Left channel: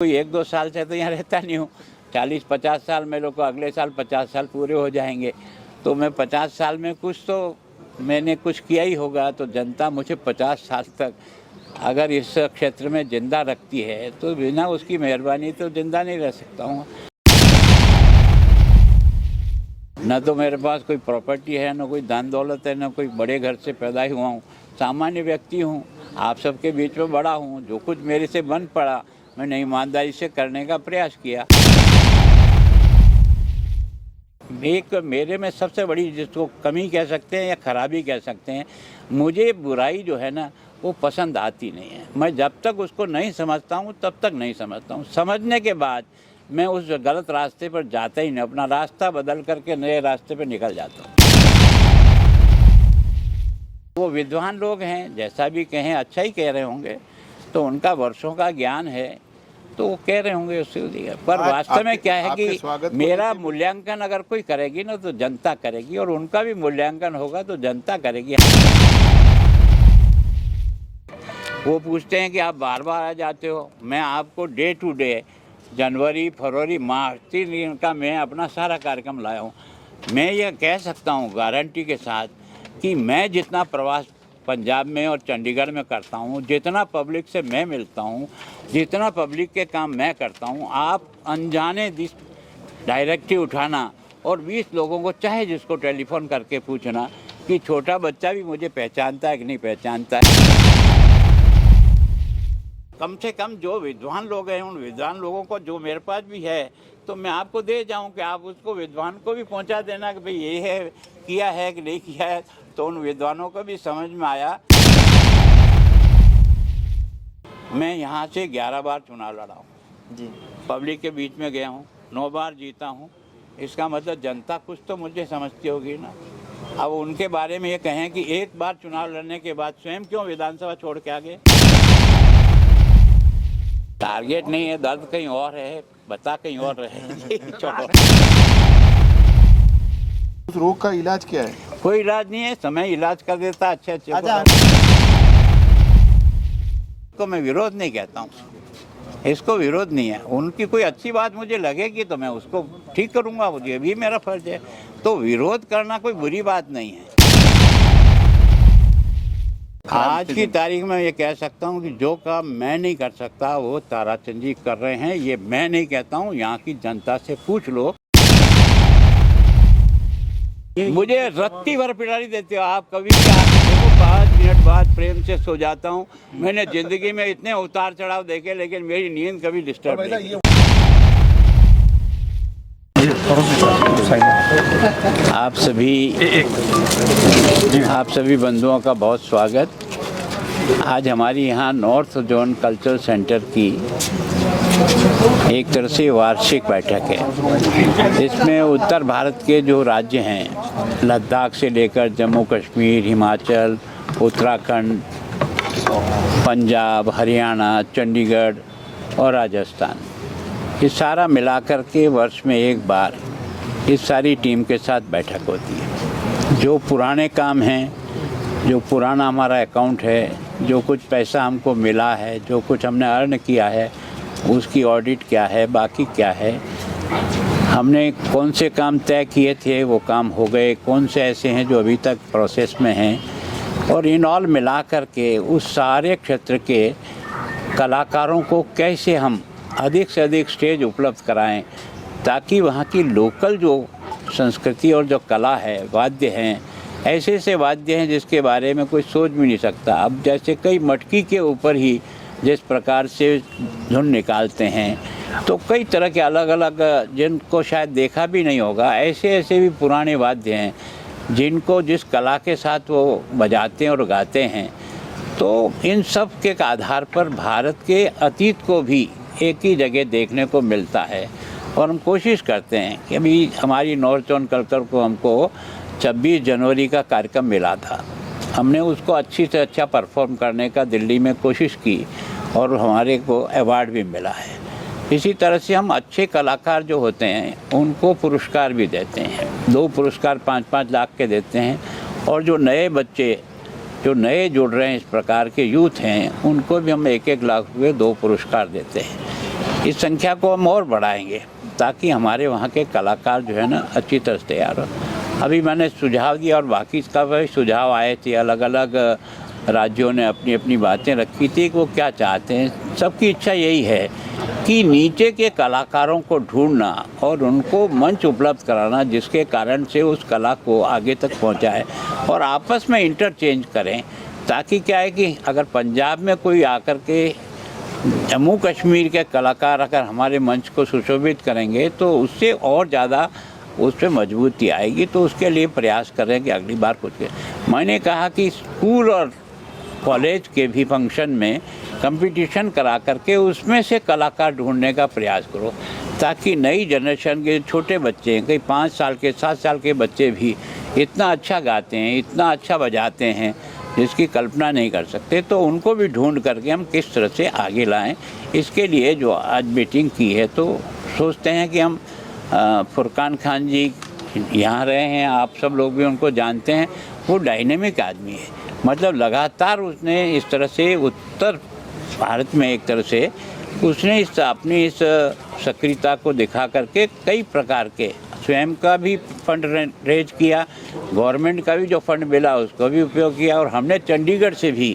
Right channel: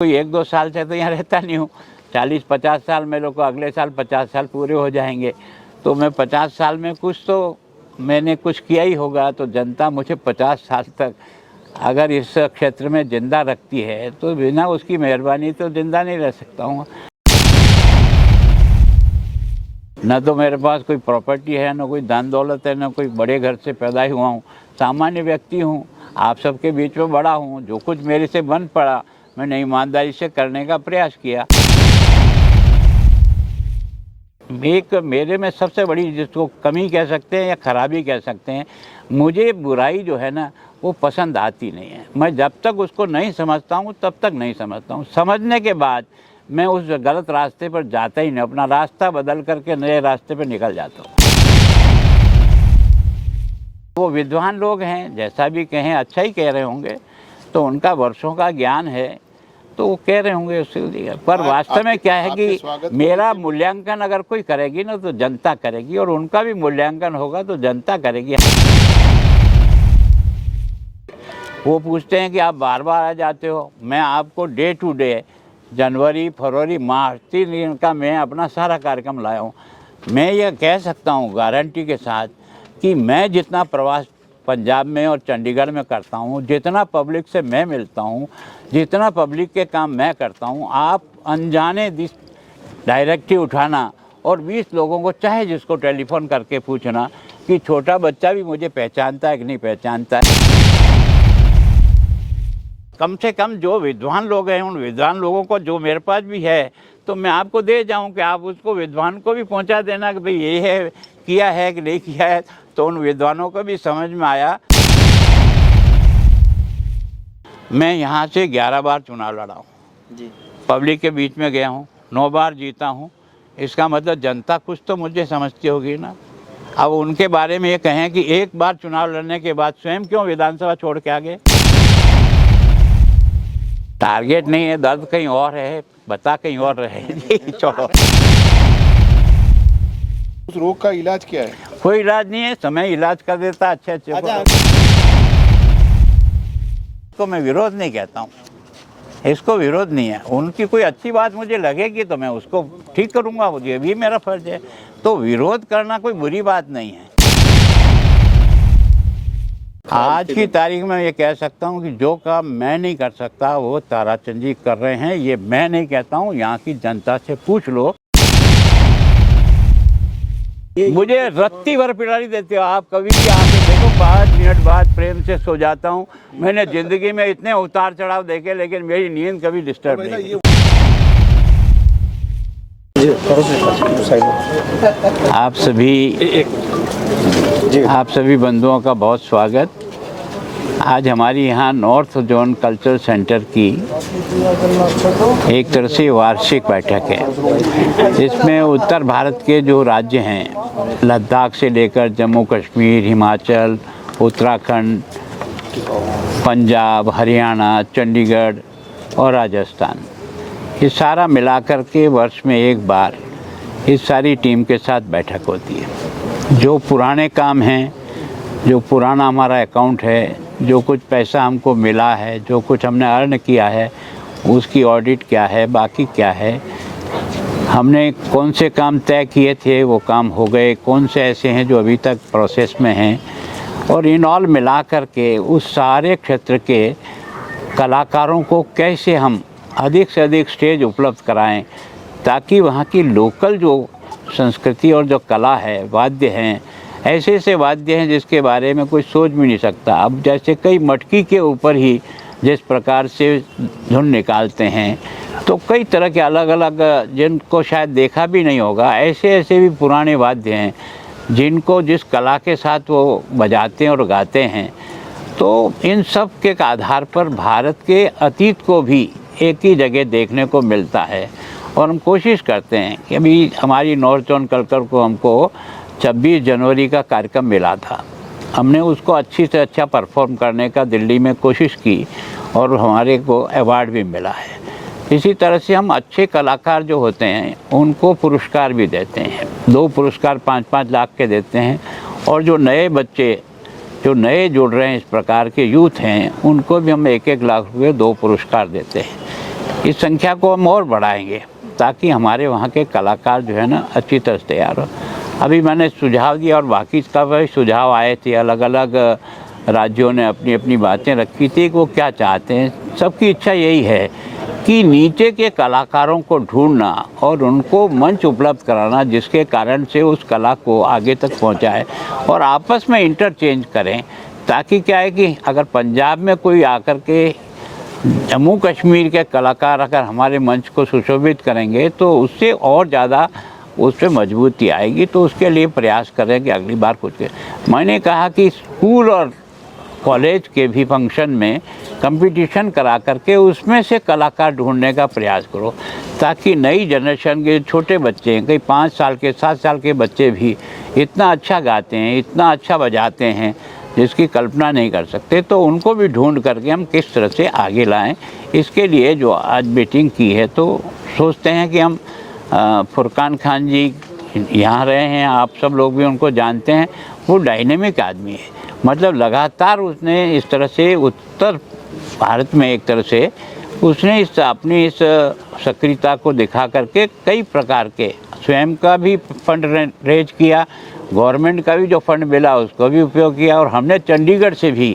कोई 1-2 साल से तो यहाँ रहता नहीं हूँ। 40-50 साल मेरे को, अगले साल 50 साल पूरे हो जाएंगे, तो मैं 50 साल में कुछ तो मैंने कुछ किया ही होगा। तो जनता मुझे 50 साल तक अगर इस क्षेत्र में ज़िंदा रखती है तो बिना उसकी मेहरबानी तो ज़िंदा नहीं रह सकता हूँ। न तो मेरे पास कोई प्रॉपर्टी है, न कोई धन दौलत है, न कोई बड़े घर से पैदा ही हुआ हूँ। सामान्य व्यक्ति हूँ, आप सबके बीच में बड़ा हूँ। जो कुछ मेरे से बन पड़ा मैंने ईमानदारी से करने का प्रयास किया। एक मेरे में सबसे बड़ी जिसको कमी कह सकते हैं या खराबी कह सकते हैं, मुझे बुराई जो है ना वो पसंद आती नहीं है। मैं जब तक उसको नहीं समझता हूँ तब तक नहीं समझता हूँ। समझने के बाद मैं उस गलत रास्ते पर जाता ही नहीं, अपना रास्ता बदल करके नए रास्ते पर निकल जाता हूँ। वो विद्वान लोग हैं, जैसा भी कहें अच्छा ही कह रहे होंगे, तो उनका वर्षों का ज्ञान है तो वो कह रहे होंगे उसके लिए। पर वास्तव में क्या है कि मेरा मूल्यांकन अगर कोई करेगी ना तो जनता करेगी, और उनका भी मूल्यांकन होगा तो जनता करेगी। वो पूछते हैं कि आप बार बार आ जाते हो, मैं आपको डे टू डे जनवरी फरवरी मार्च 3 दिन का मैं अपना सारा कार्यक्रम लाया हूँ। मैं ये कह सकता हूँ गारंटी के साथ कि मैं जितना प्रवास पंजाब में और चंडीगढ़ में करता हूँ, जितना पब्लिक से मैं मिलता हूँ, जितना पब्लिक के काम मैं करता हूँ, आप अनजाने डायरेक्टिव उठाना और 20 लोगों को चाहे जिसको टेलीफोन करके पूछना कि छोटा बच्चा भी मुझे पहचानता है कि नहीं पहचानता है। कम से कम जो विद्वान लोग हैं, उन विद्वान लोगों को जो मेरे पास भी है तो मैं आपको दे जाऊं कि आप उसको विद्वान को भी पहुंचा देना कि भाई ये है, किया है कि नहीं किया है। तो उन विद्वानों को भी समझ में आया। मैं यहाँ से 11 बार चुनाव लड़ा हूँ, पब्लिक के बीच में गया हूँ, 9 बार जीता हूँ। इसका मतलब जनता कुछ तो मुझे समझती होगी ना। अब उनके बारे में ये कहें कि एक बार चुनाव लड़ने के बाद स्वयं क्यों विधानसभा छोड़ के आ गए। टारगेट नहीं है, दर्द कहीं और है, बता कहीं और रहे। छोड़ो। उस रोग का इलाज क्या है? कोई इलाज नहीं है, समय इलाज कर देता अच्छे को मैं विरोध नहीं कहता हूँ, इसको विरोध नहीं है। उनकी कोई अच्छी बात मुझे लगेगी तो मैं उसको ठीक करूँगा, ये भी मेरा फर्ज है। तो विरोध करना कोई बुरी बात नहीं है। आज की तारीख में ये कह सकता हूँ कि जो काम मैं नहीं कर सकता वो ताराचंद जी कर रहे हैं। ये मैं नहीं कहता हूँ, यहाँ की जनता से पूछ लो। मुझे रत्ती भर पिटारी देते हो आप, कभी भी आके देखो 5 मिनट बाद प्रेम से सो जाता हूँ। मैंने जिंदगी में इतने उतार चढ़ाव देखे लेकिन मेरी नींद कभी डिस्टर्ब नहीं। आप सभी बंधुओं का बहुत स्वागत। आज हमारी यहाँ नॉर्थ जोन कल्चरल सेंटर की एक तरह से वार्षिक बैठक है। इसमें उत्तर भारत के जो राज्य हैं, लद्दाख से लेकर जम्मू कश्मीर, हिमाचल, उत्तराखंड, पंजाब, हरियाणा, चंडीगढ़ और राजस्थान, ये सारा मिलाकर के वर्ष में एक बार इस सारी टीम के साथ बैठक होती है। जो पुराने काम हैं, जो पुराना हमारा अकाउंट है, जो कुछ पैसा हमको मिला है, जो कुछ हमने अर्न किया है, उसकी ऑडिट क्या है, बाकी क्या है, हमने कौन से काम तय किए थे वो काम हो गए, कौन से ऐसे हैं जो अभी तक प्रोसेस में हैं, और इन ऑल मिला कर के उस सारे क्षेत्र के कलाकारों को कैसे हम अधिक से अधिक स्टेज उपलब्ध कराएं ताकि वहाँ की लोकल जो संस्कृति और जो कला है, वाद्य हैं, ऐसे ऐसे वाद्य हैं जिसके बारे में कोई सोच भी नहीं सकता। अब जैसे कई मटकी के ऊपर ही जिस प्रकार से धुन निकालते हैं, तो कई तरह के अलग अलग जिनको शायद देखा भी नहीं होगा, ऐसे ऐसे भी पुराने वाद्य हैं जिनको जिस कला के साथ वो बजाते हैं और गाते हैं। तो इन सब के आधार पर भारत के अतीत को भी एक ही जगह देखने को मिलता है। और हम कोशिश करते हैं कि अभी हमारी नॉर्थ जोन कल्चर को हमको 26 जनवरी का कार्यक्रम मिला था, हमने उसको अच्छी से अच्छा परफॉर्म करने का दिल्ली में कोशिश की और हमारे को अवार्ड भी मिला है। इसी तरह से हम अच्छे कलाकार जो होते हैं उनको पुरस्कार भी देते हैं। 2 पुरस्कार 5-5 लाख के देते हैं, और जो नए बच्चे जो नए जुड़ रहे हैं, इस प्रकार के यूथ हैं, उनको भी हम 1-1 लाख रुपये 2 पुरस्कार देते हैं। इस संख्या को हम और बढ़ाएंगे ताकि हमारे वहाँ के कलाकार जो है ना अच्छी तरह से तैयार हो। अभी मैंने सुझाव दिया और बाकी का भी सुझाव आए थे, अलग अलग राज्यों ने अपनी अपनी बातें रखी थी कि वो क्या चाहते हैं। सबकी इच्छा यही है कि नीचे के कलाकारों को ढूंढना और उनको मंच उपलब्ध कराना जिसके कारण से उस कला को आगे तक पहुंचाए और आपस में इंटरचेंज करें, ताकि क्या है कि अगर पंजाब में कोई आकर के जम्मू कश्मीर के कलाकार अगर हमारे मंच को सुशोभित करेंगे तो उससे और ज़्यादा उस पर मजबूती आएगी। तो उसके लिए प्रयास करें कि अगली बार कुछ मैंने कहा कि स्कूल और कॉलेज के भी फंक्शन में कंपटीशन करा करके उसमें से कलाकार ढूंढने का प्रयास करो, ताकि नई जनरेशन के छोटे बच्चे, कई 5 साल के 7 साल के बच्चे भी इतना अच्छा गाते हैं, इतना अच्छा बजाते हैं जिसकी कल्पना नहीं कर सकते, तो उनको भी ढूंढ करके हम किस तरह से आगे लाएं। इसके लिए जो आज मीटिंग की है तो सोचते हैं कि हम फुरकान खान जी यहाँ रहे हैं, आप सब लोग भी उनको जानते हैं। वो डायनेमिक आदमी है, मतलब लगातार उसने इस तरह से उत्तर भारत में एक तरह से उसने अपनी इस सक्रियता को दिखा करके कई प्रकार के स्वयं का भी फंड रेज किया, गवर्नमेंट का भी जो फंड मिला उसको भी उपयोग किया, और हमने चंडीगढ़ से भी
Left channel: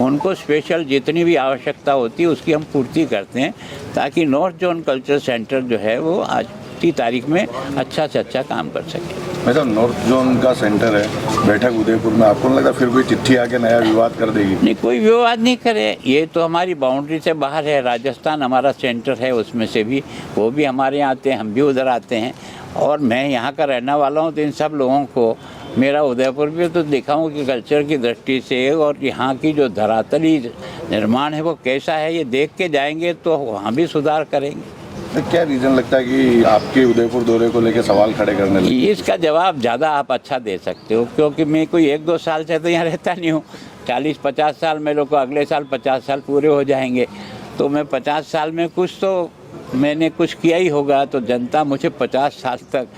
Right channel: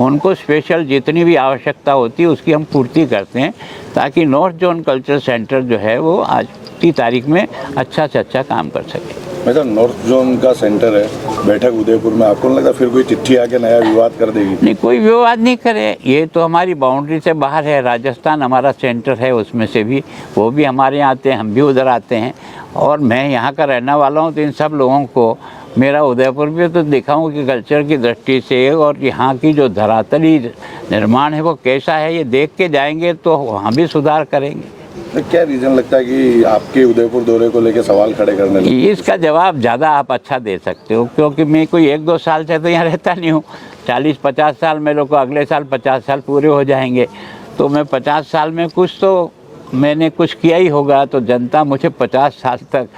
उनको स्पेशल जितनी भी आवश्यकता होती है उसकी हम पूर्ति करते हैं, ताकि नॉर्थ जोन कल्चर सेंटर जो है वो आज की तारीख में अच्छा से अच्छा काम कर सके। मतलब नॉर्थ जोन का सेंटर है, बैठक उदयपुर में, आपको नहीं लगता फिर कोई चिट्ठी आके नया विवाद कर देगी? नहीं, कोई विवाद नहीं करे, ये तो हमारी बाउंड्री से बाहर है। राजस्थान हमारा सेंटर है, उसमें से भी वो भी हमारे यहाँ आते हैं, हम भी उधर आते हैं, और मैं यहाँ का रहने वाला हूँ, तो इन सब लोगों को मेरा उदयपुर भी तो दिखाऊँ कि कल्चर की दृष्टि से और यहाँ की जो धरातली निर्माण है वो कैसा है, ये देख के जाएंगे तो वहाँ भी सुधार करेंगे। तो क्या रीज़न लगता है कि आपके उदयपुर दौरे को लेकर सवाल खड़े करने लगे? इसका जवाब ज़्यादा आप अच्छा दे सकते हो, क्योंकि मैं कोई 1-2 साल से तो यहाँ रहता नहीं हूँ। 40-50 साल मेरे को अगले साल 50 साल पूरे हो जाएंगे, तो मैं 50 साल में कुछ तो मैंने कुछ किया ही होगा। तो जनता मुझे 50 साल तक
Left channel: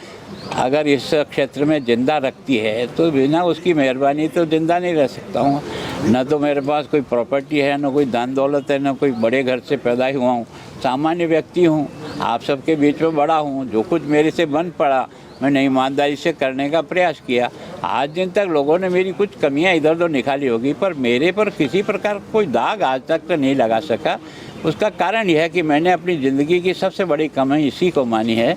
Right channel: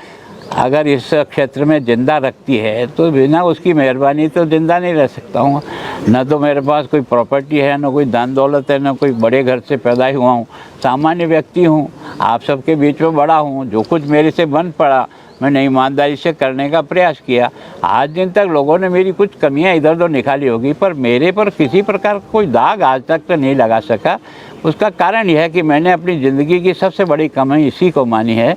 अगर इस क्षेत्र में ज़िंदा रखती है तो बिना उसकी मेहरबानी तो ज़िंदा नहीं रह सकता हूँ। न तो मेरे पास कोई प्रॉपर्टी है, न कोई धन दौलत है, न कोई बड़े घर से पैदा हुआ हूँ, सामान्य व्यक्ति हूँ, आप सबके बीच में बड़ा हूँ। जो कुछ मेरे से बन पड़ा मैंने ईमानदारी से करने का प्रयास किया। आज दिन तक लोगों ने मेरी कुछ कमियां इधर उधर निकाली होगी, पर मेरे पर किसी प्रकार कोई दाग आज तक तो नहीं लगा सका। उसका कारण यह है कि मैंने अपनी ज़िंदगी की सबसे बड़ी कमी इसी को मानी है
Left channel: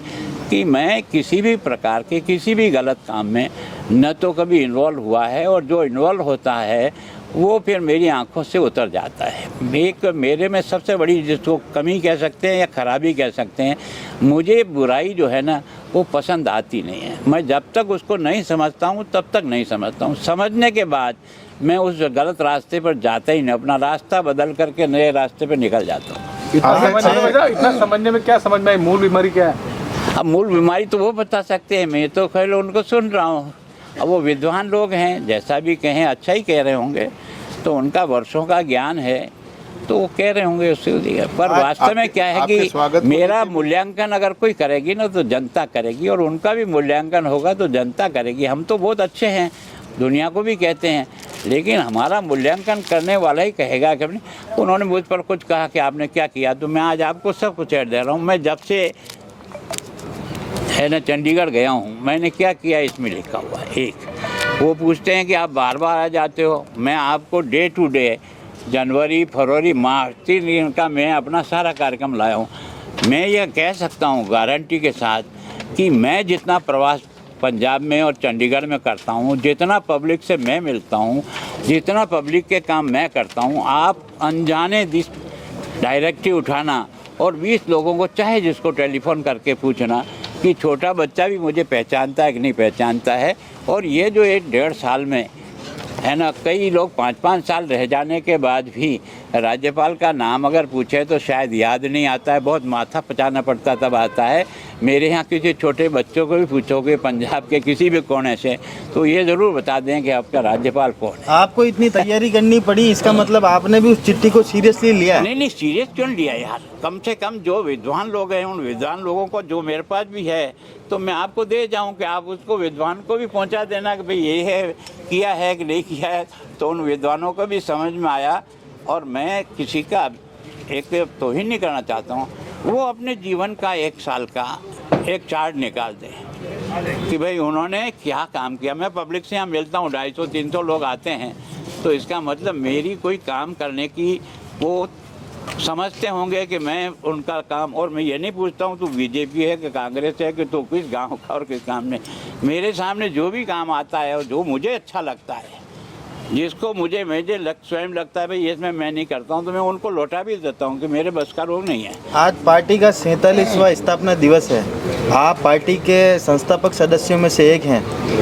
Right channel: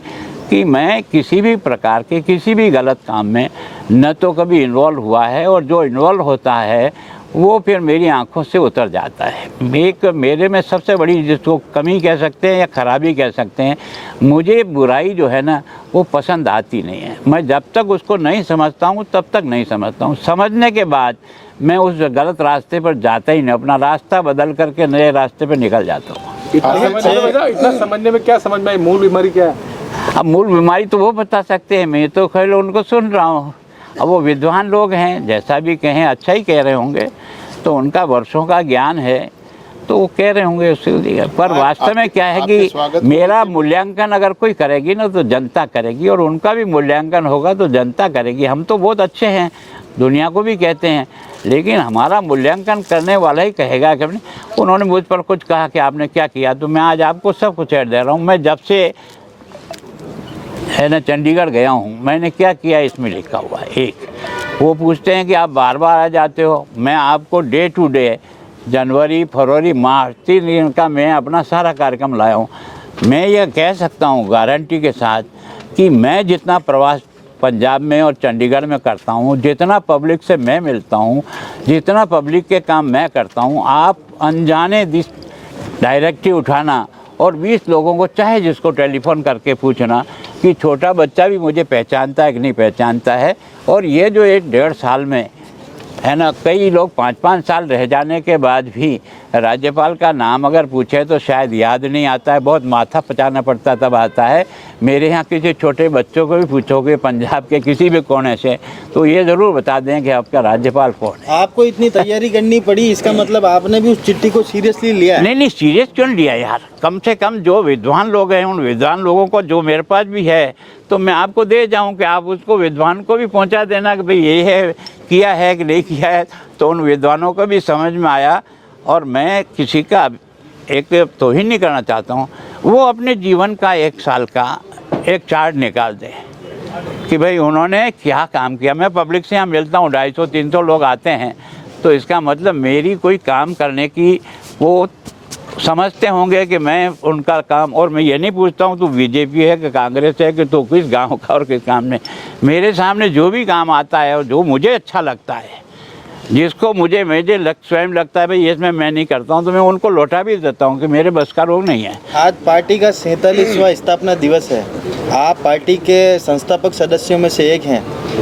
कि मैं किसी भी प्रकार के किसी भी गलत काम में न तो कभी इन्वॉल्व हुआ है, और जो इन्वॉल्व होता है वो फिर मेरी आंखों से उतर जाता है। एक मेरे में सबसे बड़ी जिसको कमी कह सकते हैं या खराबी कह सकते हैं, मुझे बुराई जो है ना वो पसंद आती नहीं है। मैं जब तक उसको नहीं समझता हूँ तब तक नहीं समझता हूँ। समझने के बाद मैं उस गलत रास्ते पर जाता ही नहीं, अपना रास्ता बदल करके नए रास्ते पर निकल जाता हूँ। इतना समझने में क्या समझ में आई, मूल बीमारी क्या है? अब मूल बीमारी तो वो बता सकते हैं, मैं तो खैर उनको सुन रहा हूँ। अब वो विद्वान लोग हैं, जैसा भी कहें अच्छा ही कह रहे होंगे, तो उनका वर्षों का ज्ञान है तो वो कह रहे होंगे उसके लिए। पर वास्तव में क्या है कि मेरा मूल्यांकन अगर कोई करेगी ना तो जनता करेगी, और उनका भी मूल्यांकन होगा तो जनता करेगी। हम तो बहुत अच्छे हैं, दुनिया को भी कहते हैं, लेकिन हमारा मूल्यांकन करने वाला ही कहेगा कि नहीं। उन्होंने मुझ पर कुछ कहा कि आपने क्या किया, तो मैं आज आपको सब कुछ ऐड दे रहा हूँ। मैं जब से है ना चंडीगढ़ गया हूँ, मैंने क्या किया इसमें लिखा हुआ है। एक वो पूछते हैं कि आप बार बार आ जाते हो, मैं आपको डे टू डे जनवरी फरवरी मार्च 3 दिन का मैं अपना सारा कार्यक्रम लाया हूँ। मैं यह कह सकता हूँ गारंटी के साथ कि मैं जितना प्रवास पंजाब में और चंडीगढ़ में करता हूँ, जितना पब्लिक से मैं मिलता हूँ, जितना पब्लिक के काम मैं करता हूँ, आप अनजाने डायरेक्टिव उठाना और 20 लोगों को चाहे जिसको टेलीफोन करके पूछना कि छोटा बच्चा भी मुझे पहचानता है कि नहीं पहचानता है। और ये जो 1-1.5 साल में है ना, कई लोग 5-5 साल रह जाने के बाद भी राज्यपाल का नाम अगर पूछे तो शायद याद नहीं आता है, बहुत माथा पचाना पड़ता तब आता है। मेरे यहाँ किसी छोटे बच्चों को भी पूछोगे पंजाब के किसी भी कोने से तो ये ज़रूर बता दें कि आपका राज्यपाल कौन है। आपको इतनी तैयारी करनी पड़ी, इसका मतलब आपने भी उस चिट्ठी को सीरियसली लिया है? नहीं, सीरियस क्यों लिया यार। कम से कम जो विद्वान लोग हैं उन विद्वान लोगों को जो मेरे पास भी है तो मैं आपको दे जाऊं कि आप उसको विद्वान को भी पहुंचा देना कि भाई ये है, किया है कि नहीं किया है। तो उन विद्वानों को भी समझ में आया। और मैं किसी का एक तौहीन नहीं करना चाहता हूँ, वो अपने जीवन का 1 साल का एक चार्ट निकाल दें कि भाई उन्होंने क्या काम किया। मैं पब्लिक से यहाँ मिलता हूँ, 250-300 लोग आते हैं, तो इसका मतलब मेरी कोई काम करने की वो समझते होंगे कि मैं उनका काम, और मैं ये नहीं पूछता हूँ तू बीजेपी है कि कांग्रेस है कि तू किस गांव का और किस काम में। मेरे सामने जो भी काम आता है और जो मुझे अच्छा लगता है, जिसको मुझे स्वयं लगता है भाई इसमें मैं नहीं करता हूँ, तो मैं उनको लौटा भी देता हूँ कि मेरे बस का रोग नहीं है। आज पार्टी का 47वां स्थापना दिवस है, आप पार्टी के संस्थापक सदस्यों में से एक हैं।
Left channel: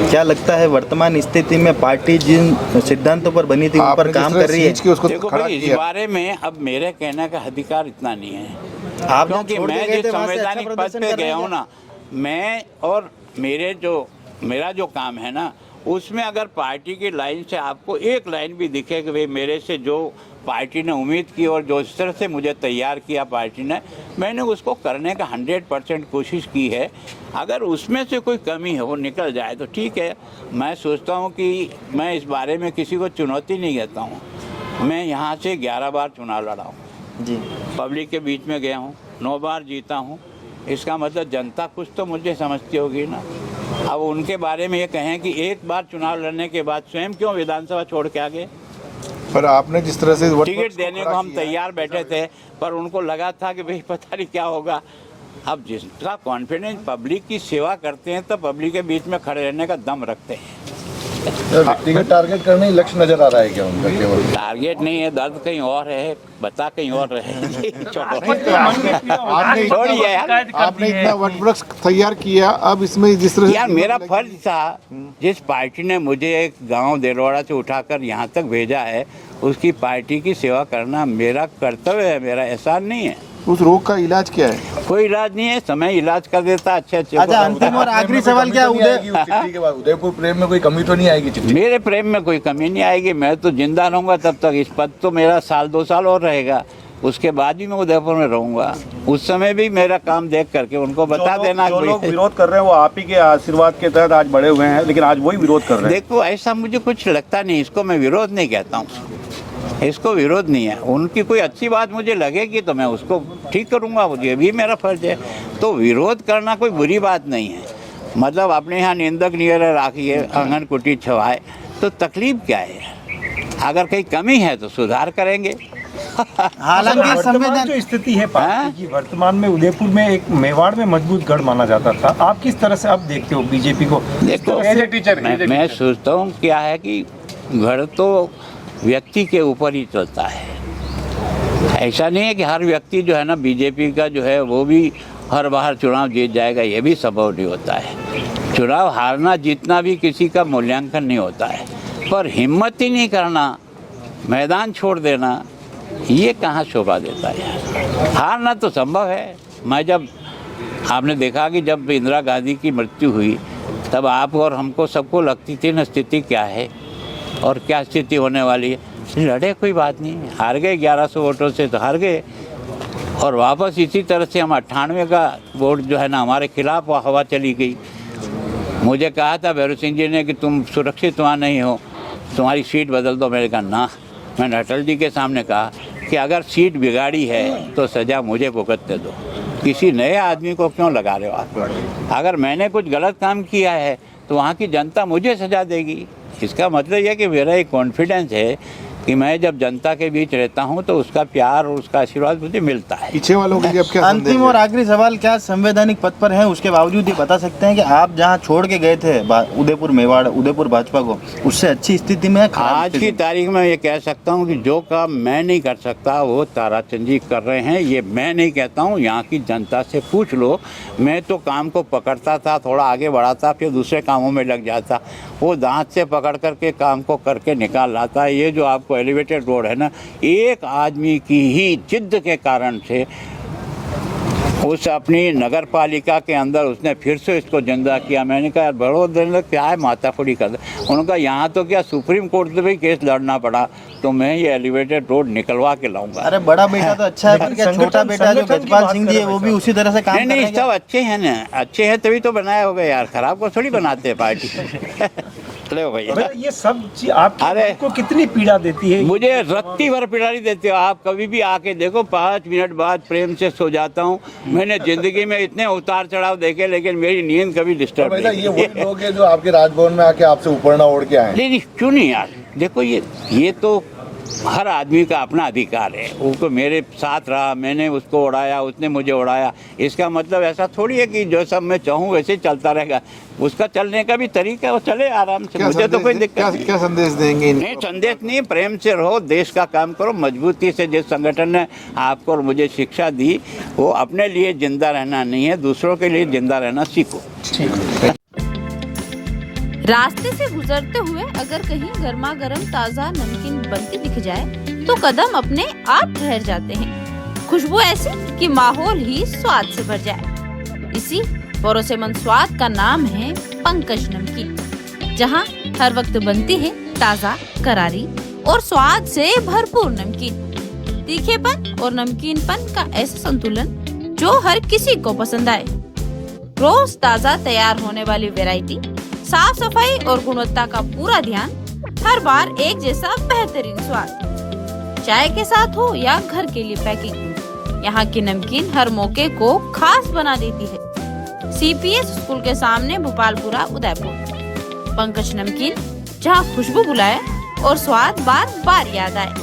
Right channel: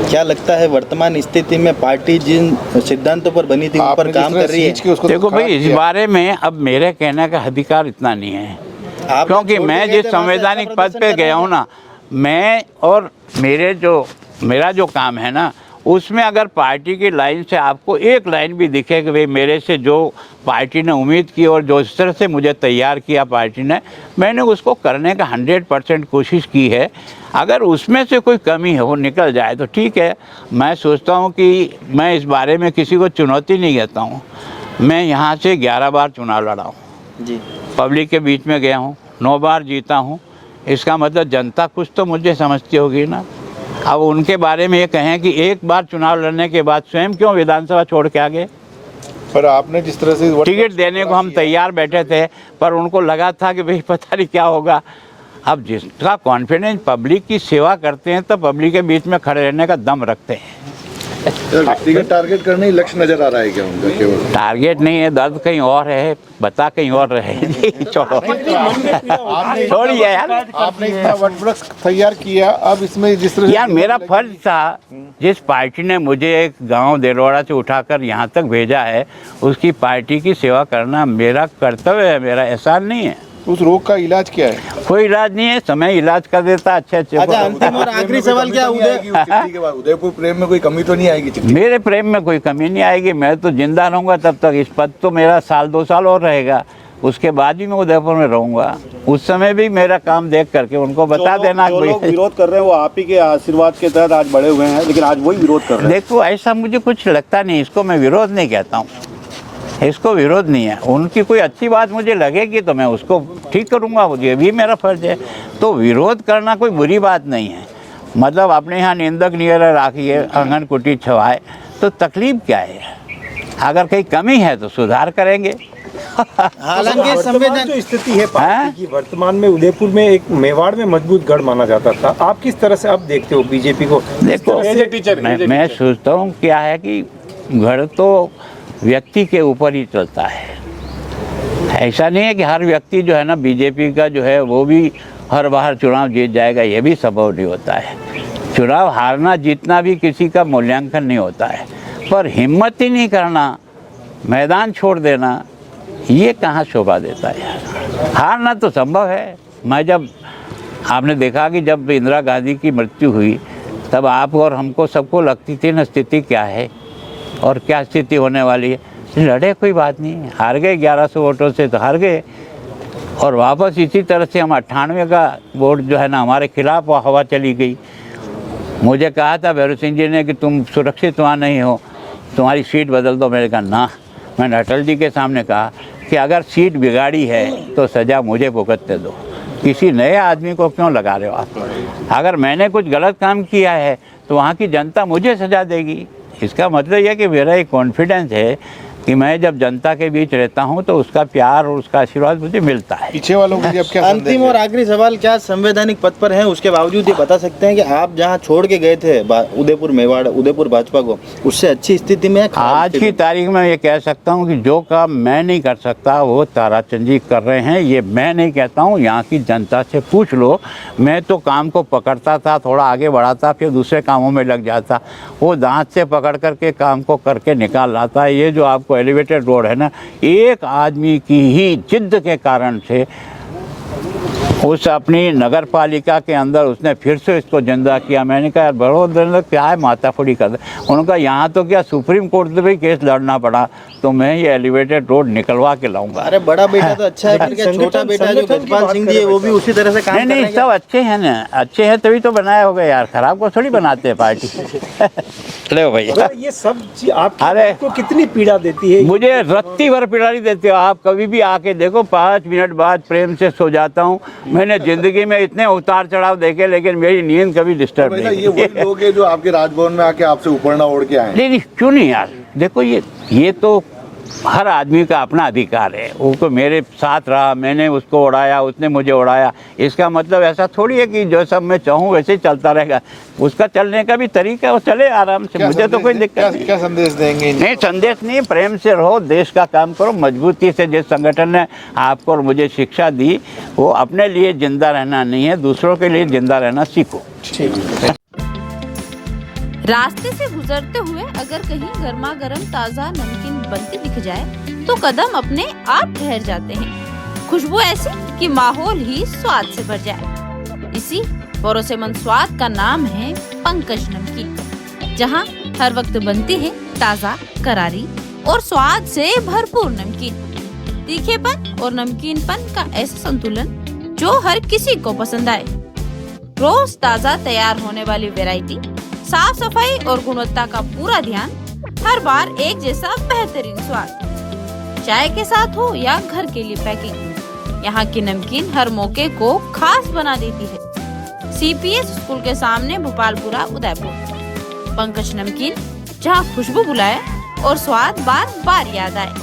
क्या लगता है वर्तमान स्थिति में पार्टी जिन सिद्धांतों पर बनी थी उन पर काम कर रही है? देखो भाई, इस बारे में अब मेरे कहने का अधिकार इतना नहीं है, आप क्योंकि छोड़ मैं के गए जिस थे, वहाँ से संवैधानिक अच्छा पद पे प्रदर्शन गया हूँ ना, मैं और मेरा जो काम है ना, उसमें अगर पार्टी की लाइन से आपको एक लाइन भी दिखे कि भाई मेरे से जो पार्टी ने उम्मीद की और जो इस तरह से मुझे तैयार किया पार्टी ने, मैंने उसको करने का 100% कोशिश की है। अगर उसमें से कोई कमी है वो निकल जाए तो ठीक है। मैं सोचता हूँ कि मैं इस बारे में किसी को चुनौती नहीं देता हूँ। मैं यहाँ से 11 बार चुनाव लड़ा हूँ, जी, पब्लिक के बीच में गया हूँ, 9 बार जीता हूँ। इसका मतलब जनता कुछ तो मुझे समझती होगी ना। अब उनके बारे में ये कहें कि एक बार चुनाव लड़ने के बाद स्वयं क्यों विधानसभा छोड़ के आ गए। पर आपने जिस तरह से टिकट देने को हम तैयार बैठे थे, पर उनको लगा था कि भाई पता नहीं क्या होगा। अब जिसका कॉन्फिडेंस पब्लिक की सेवा करते हैं तो पब्लिक के बीच में खड़े रहने का दम रखते हैं। व्यक्तिगत टारगेट करने ही लक्ष्य नजर आ रहा है क्या उनका केवल? टारगेट नहीं है, दर्द कहीं और है, बता कहीं और रहे। छोड़िए यार। आपने इतना वटवृक्ष तैयार किया, अब इसमें जिस तरह यार मेरा फर्ज था, जिस पार्टी ने मुझे एक गांव देलवाड़ा से उठाकर यहाँ तक भेजा है, उसकी पार्टी की सेवा करना मेरा कर्तव्य है, मेरा एहसान नहीं है। उस रोग का इलाज क्या है? कोई इलाज नहीं है, समय इलाज कर देता अच्छे अच्छा, को। अंतिम और आखिरी सवाल क्या चिट्ठी के बाद उदयपुर प्रेम में कोई कमी तो नहीं आएगी? चिट्ठी मेरे प्रेम में कोई कमी नहीं आएगी। मैं तो जिंदा रहूंगा तब तक। इस पद तो मेरा 1-2 साल और रहेगा, उसके बाद ही मैं उदयपुर में रहूंगा। उस समय भी मेरा काम देख करके उनको बता देना। जो लोग विरोध कर रहे हैं वो आप ही के आशीर्वाद के तहत आज बड़े हुए हैं, लेकिन आज वही विरोध कर रहे हैं। देखो, ऐसा मुझे कुछ लगता नहीं। इसको मैं विरोध नहीं कहता हूँ, इसको विरोध नहीं है। उनकी कोई अच्छी बात मुझे लगेगी तो मैं उसको ठीक करूँगा, ये भी मेरा फर्ज है। तो विरोध करना कोई बुरी बात नहीं है। मतलब अपने यहाँ निंदक नियर राखिए, आंगन कुटी छवाए, तो तकलीफ क्या है? अगर कहीं कमी है तो सुधार करेंगे। हालांकि संविधान जो स्थिति है पार्टी की वर्तमान में, उदयपुर में एक मेवाड़ में मजबूत गढ़ माना जाता था, आप किस तरह से अब देखते हो बीजेपी को? देखो, मैं सोचता हूँ क्या है कि गढ़ तो व्यक्ति के ऊपर ही चलता है। ऐसा नहीं है कि हर व्यक्ति जो है ना बीजेपी का जो है वो भी हर बार चुनाव जीत जाएगा, ये भी संभव नहीं होता है। चुनाव हारना जीतना भी किसी का मूल्यांकन नहीं होता है, पर हिम्मत ही नहीं करना, मैदान छोड़ देना, ये कहाँ शोभा देता है। हारना तो संभव है। मैं जब आपने देखा कि जब इंदिरा गांधी की मृत्यु हुई तब आप और हमको सबको लगती थी न स्थिति क्या है और क्या स्थिति होने वाली है। लड़े, कोई बात नहीं, हार गए 1100 वोटों से तो हार गए, और वापस इसी तरह से हम 98 का वोट जो है ना हमारे खिलाफ हवा चली गई। मुझे कहा था भैरव सिंह जी ने कि तुम सुरक्षित वहाँ नहीं हो, तुम्हारी सीट बदल दो। मैंने कहा ना। मैंने अटल जी के सामने कहा कि अगर सीट बिगाड़ी है तो सज़ा मुझे भुगतने दो, किसी नए आदमी को क्यों लगा रहे हो आप? अगर मैंने कुछ गलत काम किया है तो वहाँ की जनता मुझे सज़ा देगी। इसका मतलब यह कि मेरा एक कॉन्फिडेंस है कि मैं जब जनता के बीच रहता हूं तो उसका प्यार और उसका आशीर्वाद मुझे मिलता है। पीछे वालों के लिए अब क्या संदेश अंतिम है? और आखिरी सवाल, क्या संवैधानिक पद पर हैं उसके बावजूद ये बता सकते हैं कि आप जहां छोड़ के गए थे उदयपुर मेवाड़, उदयपुर भाजपा को, उससे अच्छी स्थिति में है? आज की तारीख में ये कह सकता हूं कि जो काम मैं नहीं कर सकता वो ताराचंद जी कर रहे हैं। ये मैं नहीं कहता हूं, यहाँ की जनता से पूछ लो। मैं तो काम को पकड़ता था, थोड़ा आगे बढ़ाता, फिर दूसरे कामों में लग जाता। वो दांत से पकड़ करके काम को करके निकाल लाता। ये जो आपको एलिवेटेड रोड है ना, एक आदमी की ही जिद्द के कारण से उस अपनी नगर पालिका के अंदर उसने फिर से इसको जिंदा किया। मैंने कहा बड़ोदर क्या है माताफोड़ी कर दे। उन्होंने कहा यहाँ तो क्या सुप्रीम कोर्ट से भी केस लड़ना पड़ा, तो मैं ये एलिवेटेड रोड निकलवा के लाऊंगा। अरे बड़ा बेटा तो अच्छा है, फिर क्या छोटा बेटा जो गजपाल सिंह जी है वो भी उसी तरह से काम नहीं करेंगे? सब अच्छे हैं ना, अच्छे हैं तभी तो बनाया होगा यार, खराब को थोड़ी बनाते हैं पार्टी। ले भैया ये सब चीज आपको अरे तो कितनी पीड़ा देती है? मुझे रत्ती भर पिटारी देते हो आप, कभी भी आके देखो 5 मिनट बाद प्रेम से सो जाता हूँ। मैंने जिंदगी में इतने उतार चढ़ाव देखे लेकिन मेरी नींद कभी डिस्टर्ब बेटा नहीं। ये वही लोग हैं जो आपके राजभवन में आके आपसे उपरना ओढ़ के आए। नहीं क्यों नहीं यार, देखो ये तो हर आदमी का अपना अधिकार है। वो मेरे साथ रहा, मैंने उसको उड़ाया, उसने मुझे उड़ाया, इसका मतलब ऐसा थोड़ी है कि जो सब मैं चाहूँ वैसे ही चलता रहेगा। उसका चलने का भी तरीका है, वो चले आराम से, मुझे तो कोई दिक्कत नहीं। क्या संदेश देंगे इनको? नहीं संदेश नहीं, प्रेम से रहो, देश का काम करो मजबूती से। जिस संगठन ने आपको और मुझे शिक्षा दी वो अपने लिए जिंदा रहना नहीं है, दूसरों के लिए जिंदा रहना सीखो। रास्ते से गुजरते हुए अगर कहीं गर्मा गर्म ताज़ा नमकीन बनती दिख जाए तो कदम अपने आप ठहर जाते हैं। खुशबू ऐसी कि माहौल ही स्वाद से भर जाए। इसी भरोसेमंद स्वाद का नाम है पंकज नमकीन, जहां हर वक्त बनती है ताज़ा, करारी और स्वाद से भरपूर नमकीन। तीखेपन और नमकीनपन का ऐसा संतुलन जो हर किसी को पसंद आए। रोज ताज़ा तैयार होने वाली वैरायटी, साफ सफाई और गुणवत्ता का पूरा ध्यान, हर बार एक जैसा बेहतरीन स्वाद। चाय के साथ हो या घर के लिए पैकिंग, यहाँ की नमकीन हर मौके को खास बना देती है। CPS स्कूल के सामने भोपालपुरा उदयपुर। पंकज नमकीन, जहाँ खुशबू बुलाए और स्वाद बार बार याद आए।